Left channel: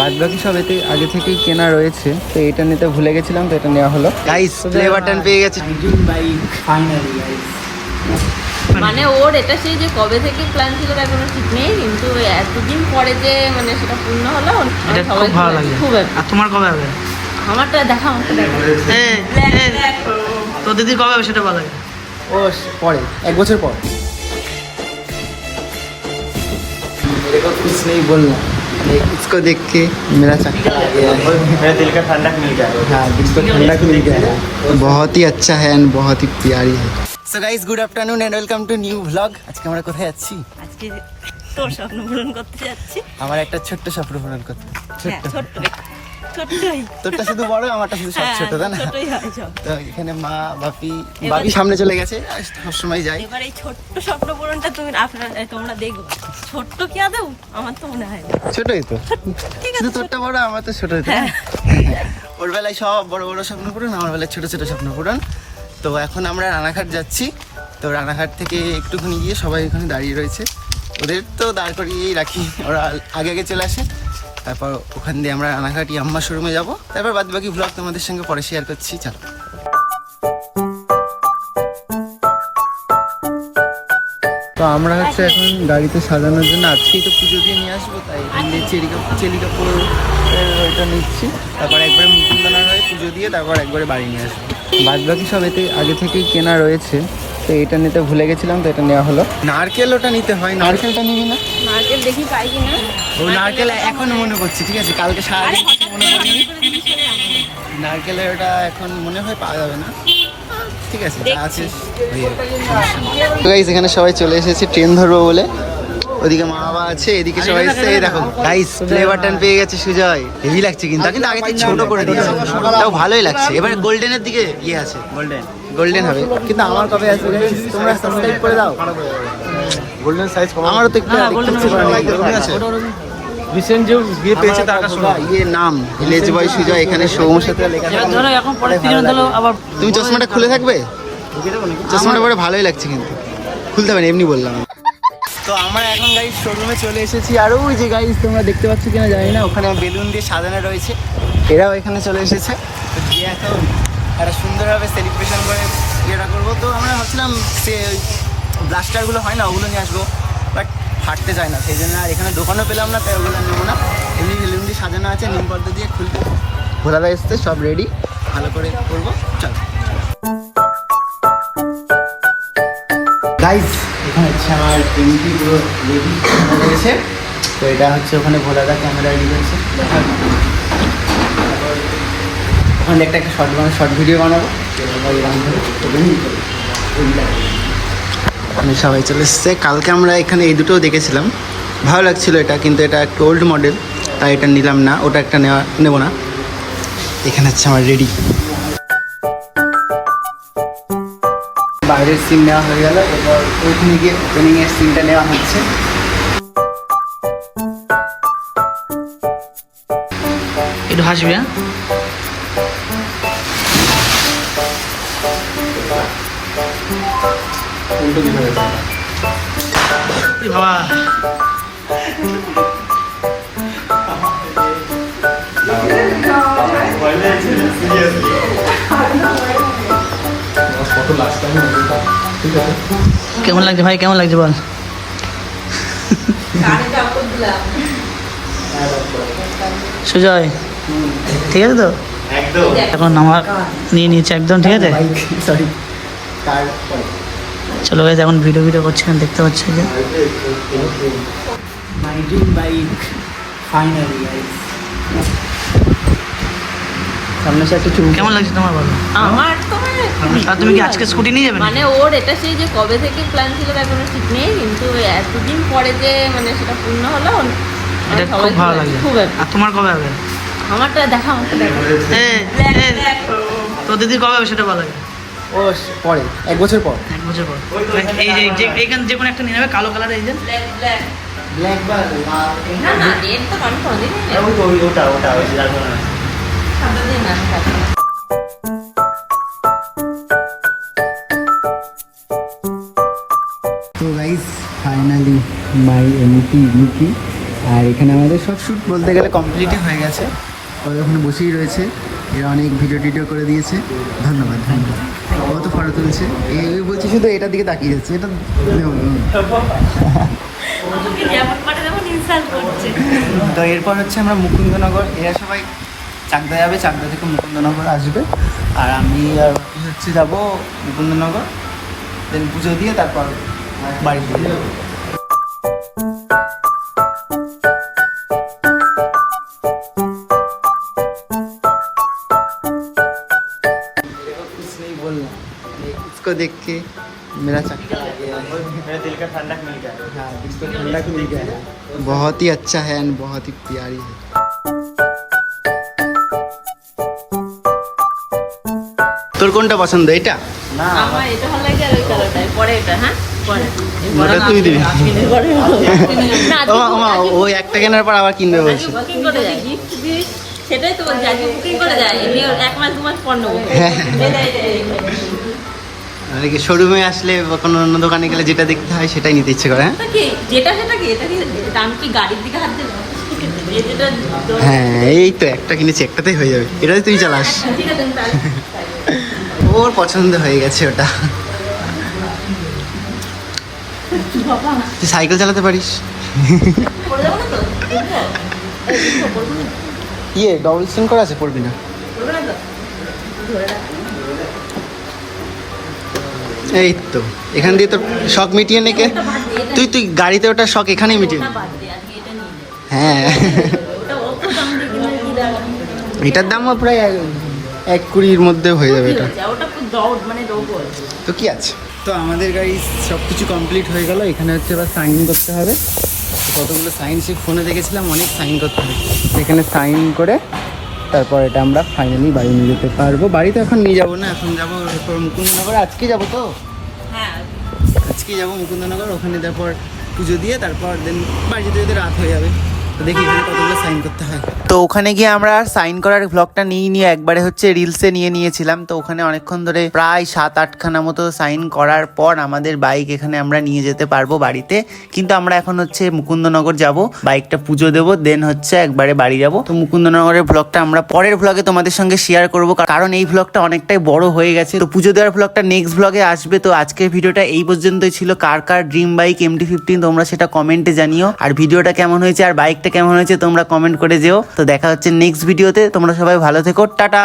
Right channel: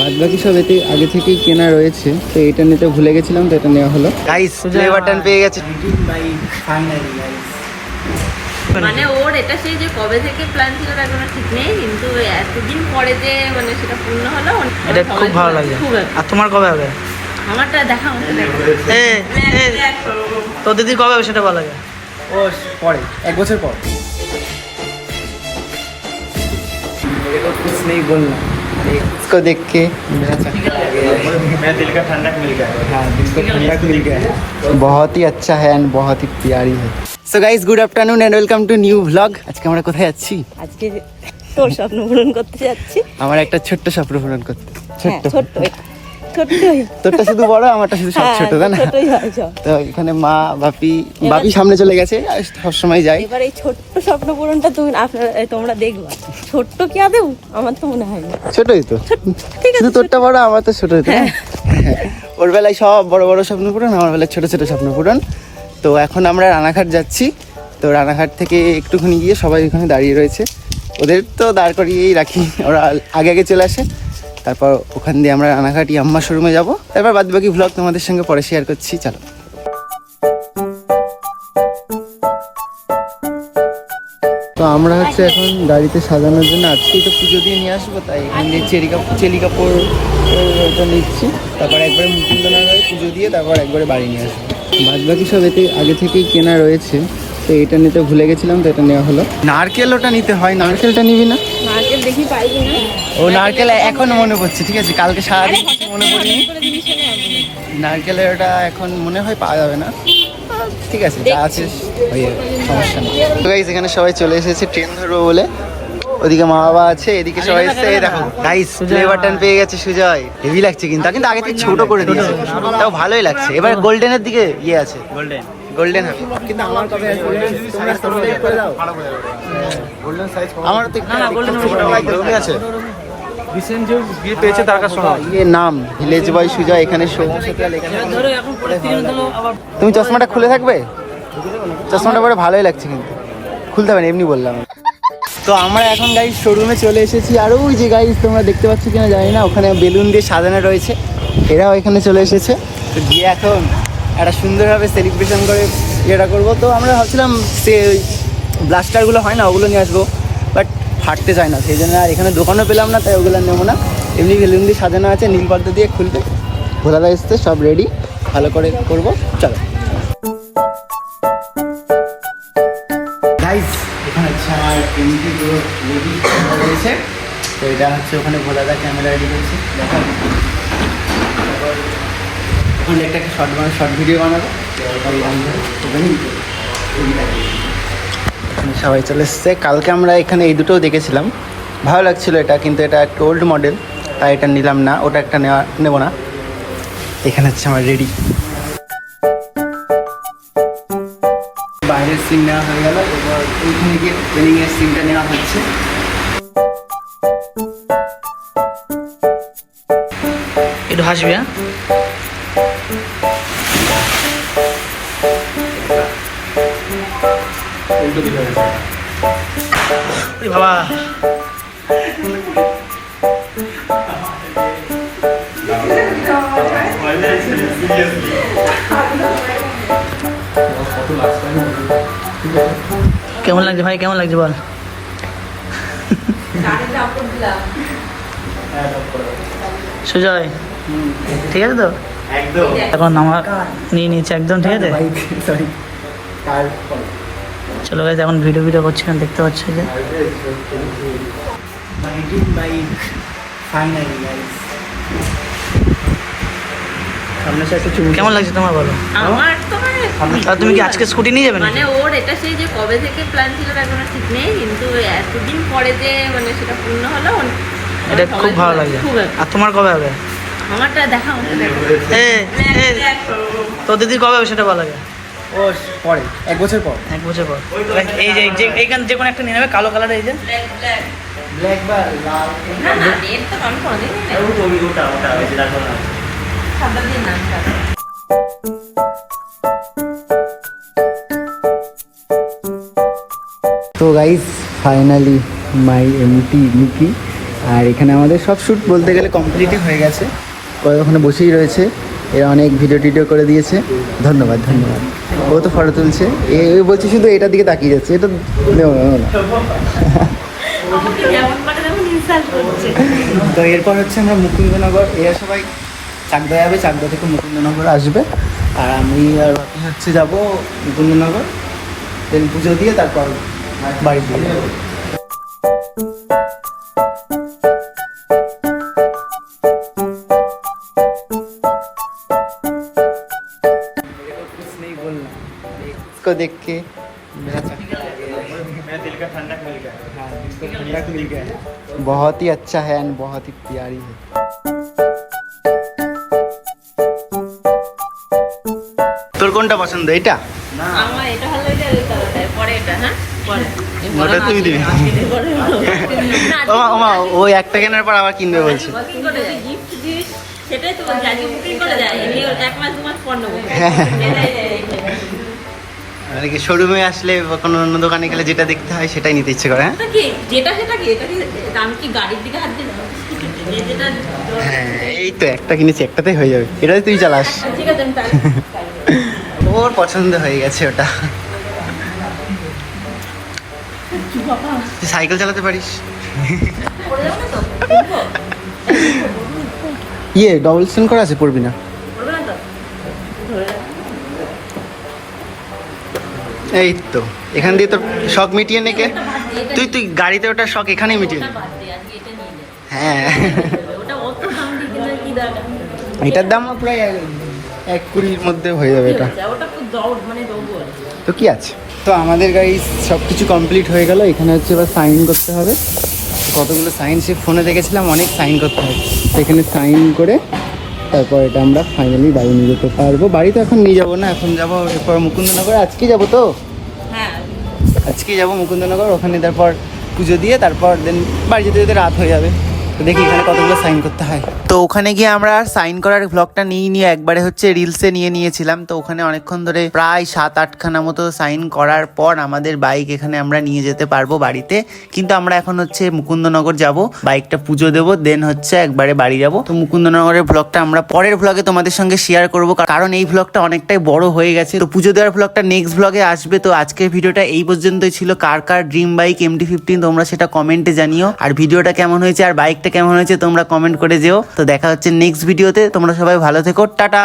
বাদ বাকি সব এতে আগে থেকেই কেনা রয়েছে, তো এটা নিতে ভুলে গেছিলাম, তো এটা নেওয়া হলো। গাইস প্লে বাটন পেয়ে গেছে মানে ওর এটা সেই যে কবে থেকে প্ল্যান ছিল তার কোনো ঠিক নেই, কিন্তু এতদিন পরে যে মানে সেটা পূর্ণ হলো, এটা খুব ভালো লাগে। আর তোমার কবে হবে? আমারটা দেখা, আমারটা দেখা। তো দিদি কবে হবে সেটা ভালো লাগে। ও পরে 1 বছর পর। मेरे को कुछ नहीं बोलना, इसको देख के मेरा चक्कर आ गया है, मेरा दिल का ठंडक मिल गया। हाँ, दिल को ठंडक मिल गया है। बहुत ही अच्छा है एंड बहुत ही प्यारी है। So guys, good afternoon and welcome to new blog. আজকে আমরা কোথায় যাচ্ছি? আজকে তোর স্বপ্ন পূরণ করতে যাচ্ছি। আমার একটা ছোট্ট স্বপ্ন পূরণ করতে। ছোট্ট ছোট্টই, তোরটা শুধু বড়, আমারটা শুধু ছোট, তাই না? ছোটই হয় সব। তো এখানে মা বাপি সামনে চলে গেছে, সব সময় যাই। এবার এই ছোট্ট স্বপ্ন পূরণটা তোমরা দেখবা। ছোট্ট কি আদেও? আমার তো মনে হয় না ছোটই তো, ঠিক আছে। শুধু তোরটা বড়, আমার তো ছোট হতো। ওর বেলায় সব বড় বড় স্বপ্ন পূরণ, আমার বেলায় ছোট ছোট স্বপ্ন পূরণ। তো এখন আমরা রানাঘাট যাচ্ছি। তো রানাঘাট থেকে একটুখানি গিয়ে সবাই ওখানে দাঁড়িয়ে রয়েছে, ওদের তো দাঁড় করিয়েই রাখি, ওরা আগে আগে চলে আসে। তারপর ওখান দিয়ে আমরা রানাঘাট ইয়াম্মা শোরুমে যাব। তারপর বাদ বাকি ভ্লগ তোমাদের সঙ্গে পরে শেয়ার করছি, চলো। তো আমরা হচ্ছে এখন গাড়িতে সাজানোর জন্য, আজকেই তো পুজো দিয়ে নিয়ে আসবো, তাই এখান দিয়ে চেলি কাপড় ওইটা নিচ্ছি। তারপর একবারে মুকুন্দনার হয়ে পুজো দিয়ে তারপর একবারে বাড়ি নিয়ে আসবো। বাদ বাকি সব এতে আগে থেকেই কেনা রয়েছে, তো এটা নিতে ভুলে গেছিলাম, তো এটা নেওয়া হলো। নারকেল ওটা নিতে হয়, নারকেলটা নিবি না? নারকেল দেখি পাই কিনা। ও নারকেল এখনো মনে পড়ছে, ঠিক আছে, কালকে সারাদিন মনে পড়েনি। নারকেলের ওটা এখন মনে হয় পাওয়া যাবে না, ঠিক আছে, যা আছে সমস্যা নেই। তো গাইস, এখানে সবাই চলে এসেছে ট্রেন ধরবো বলে। ওদিকে মা বাবা আছে, এদিকে সবাই এসছে। এই দেখো গাইস, প্লে বাটন পেয়ে গেছে সুজয়। হেভি লাগছে কিন্তু আগে থেকে ছোট করে দিয়েছে, তাও ভালোই লাগছে। এবার গোল্ডেনের দিকে ইয়ে আছে, গোল্ডেন হবে, কিন্তু আমার কবে আসবে গাইস? তোমরা সাবস্ক্রাইব করে দাও। গোল্ডেন সাইজ আমারও তো একটু গোল্ডেন আছে। রিসেন্ট যে বিয়ে পেয়েছে তার ইয়ে নাম ভিলেজ বয় সুজয়, এখানে সৌম সাথে লেখা থাকবে। তুমি চশমাটা খুলে থাকবে? চশমাটা পরে ভালোই লাগছে, কিন্তু খুলতে হবে না, এমনি বললাম। তো আমরা এখন গাইস শোরুমে চলে এসেছি, আর ওই যে গাইস তোমরা দেখতে পাচ্ছ কিনা জানি না, ওখানে বেলুন দিয়ে সাজানো রয়েছে, এরাও এখানে চলে এসেছে। তো গিয়ে এখন একটা সুন্দরভাবে সেলিব্রেশন করে ইয়েটা করবো। তো আমরা ভাবছিলাম সে ব্লাস্টারগুলো হয় না, ওগুলো নিয়ে আসবো, বাট ফাটতে চায় না, সেই জন্য আর এখানে দোকানও পেলাম না, তাই ওগুলো নেবো না। এমনি বেলুন দিয়ে সাজানো আছে, নিম পাতা দিয়ে খুলতে ভোলাদা এসছে, সব রেডি, ভালো করে করবো, চলো। গাইস, এখানে হচ্ছে আমার এমটি পুরো রেডি করেছে। তো এটা হচ্ছে ওখানে ভোলাদা ক্যামেরা রেডি করেছে, দেখার ওখানে একটা শর্ট ভিডিও বানাবো। সবাই চলে এসছে। কালকে আমরা এখানে এই দুটোও দেখেছিলাম, ভালো লাগছিল এটা, কিন্তু এটা একটু ওল্ড মডেল, তাই এটা নিলাম না, ওটা একটা নেবো না। এখানে হচ্ছে আমার রেডি। বাইরের সিন নেওয়া হয়ে গেল, এবার ওইখানে গিয়ে ট্রেনিংয়ের সিনটা নেওয়া হচ্ছে। একটু হাসবি, হ্যাঁ? বাবা কেমন লাগছে ভাই, কেমন লাগছে বল? সুজয় ঠিক আছে তো? এখন আমার নিয়ে নিয়েছে একদম, ঠিক আছে। সরি, চলো গাইস, এখন ভিডিও করছি, দেখতে পাচ্ছ যে কেমন লাগছে তোমার বলো? আমার তো আর তুমি কি আজকে স্কুটি নিয়ে যাবে? মানে ওর এটা সেই যে কবে থেকে প্ল্যান ছিল তার কোনো ঠিক নেই, কিন্তু এতদিন পরে যে মানে সেটা পূর্ণ হলো, এটা খুব ভালো লাগে। আর তোমার কবে হবে? আমারটা দেখা, আমারটা দেখা। তো দিদি কবে হবে সেটা ভালো লাগে। ও পরে 1 বছর পর। 1 বছর পর। এই যে এইখানে যে কোনো একটা নিয়ে নেবে, কালো কালার, এই যে ব্ল্যাক বা না না, রেড তো আমি কোনদিন সাদা দিন না। তো গাইস, ফাইনালি মাই এমটি নিকি আর এখানে আমাদের সব শ্যুট বলতে গেলে কমপ্লিটই হয়ে গেছে, ওখানে বসেই রয়েছে, এরা অনেক ভিডিও টিডিও করে দিয়েছে, ধন্যবাদ ধন্যবাদ। ও তো ফটো তুলছে, এ বলছে শুধু এটার দিকে তাকিয়ে যাচ্ছে, এটা নেবো না। তো এরপর হচ্ছে আমরা মুকুন্দনগর, এরা সবাই চাকদা যাবে, চাকদা থেকে মুকুন্দনগর আসবে, আর আমি আর বাকি হচ্ছে যাবো মুকুন্দনগর, দেন পুজো দিয়ে তারপর বাড়ির দিকে যাবো। कुछ नहीं बोलना, इसको देख के मेरा चक्कर आ गया है, मेरा दिल का ठंडक मिल गया। हाँ, दिल को ठंडक मिल गया है, बहुत ही अच्छा है एंड बहुत ही प्यारी है। তোর কোনটা পছন্দ, এটা? আমার এটা ভালো লাগে আর ওই কালারটা পরে এটা, হ্যাঁ পরে ওটা তুই দিবি। ওমা ওই একটা কেনার পর আবার কিনবে বলছে। গিফট দিস, সেটাই তো বলছি, আজকে বুকিং করে যায়, আমি 1 মাস 2 মাস পর নেবো। শোরুমে আসলে বা কোনো অন্য দোকানে গেলে যেটা দেখতে হয় সেটাই নিতে ইচ্ছে করে। হ্যাঁ যেটা সেটা কি, এটা কি আমি কি গাড়ির দিকে হাত দিলাম? হ্যাঁ, এই তো একটা কিনেছি, একটাতেই হয়ে যাবে, এটাই তুই চালাস। ঠিক আছে ওর পছন্দ হয়ে গেছে ওটা। তুই সাইকেল চালাতে পারিস? ইয়ে ডবল সিম করা আছে, পড়বি না? এই তো এখান দিয়ে তোর শখ মিটিয়ে নেকে, তুই গাড়িতে ওটা শখ এখানেই মিটিয়ে নে। হ্যাঁ, এটার দামও প্রায় 1.20 মধ্যে হয়ে যাবে এটা। তো কি আছে, তো আমাদের গাড়ি সব কিছু কমপ্লিট হয়ে গেল, এখানে হচ্ছে এবার সাইন করতে হবে। কতগুলো সাইন সে ফোনে দেখেছিলাম, অনেক সাইন করতে হবে, তো এখানে সাইন করে তারপর এটা আমরা ফাইনালি বাড়ি নিয়ে যেতে পারবো। বাড়িতে এখন নিয়ে যাবো না, এখন যাবো এরপর মুকুন্দনগর, আজকে যাবো তো, আজকেই যাবো মুকুন্দনগর, ওখানে তারপর পুজো দিয়ে তারপর দেন বাড়ি যেতে যেতে রাত হয়ে যাবে। তো দেখি এখানে কতগুলো সাইন করতে হয়। তো ওখানে গিয়ে আমরা সাইন করার ব্লগটা নিয়ে একবারে হচ্ছে রিলসে নিয়েছিলাম। তো ওখানে অনেকক্ষণ ধরে প্রায় 7-8 খানা মতো সাইন করার পর আমাদের বাইক এখানে আমরা নিয়ে যেতে পারবো বাড়িতে। কিন্তু আমরা এখন হচ্ছে মুকুন্দনগর যাব, বাইকটা পুজো দেবো, দেন হচ্ছে একবারে বাড়ি যাব। তো মুকুন্দনগরের ব্লগটা আমরা পরের ব্লগে তোমাদের সঙ্গে শেয়ার করবো, কারণ এই ব্লগটা অনেকটাই বড় হয়ে গেছে। তো পুজো দেওয়ার ব্লগটা নেক্সট ব্লগে আসবে। তো আজকের ভিডিওটা এই পর্যন্তই ছিল। কার কার ড্রিম বাইক MT-15 তোমরা সেটা কমেন্টে জানিও, আর ভিডিওটা কেমন হয়েছে আর বাইকটা কেমন হয়েছে তোমরা কমেন্ট করে যেও। তো দেখা হচ্ছে নেক্সট ভিডিওতে, তোমরা সবাই ভালো থেকো, টাটা।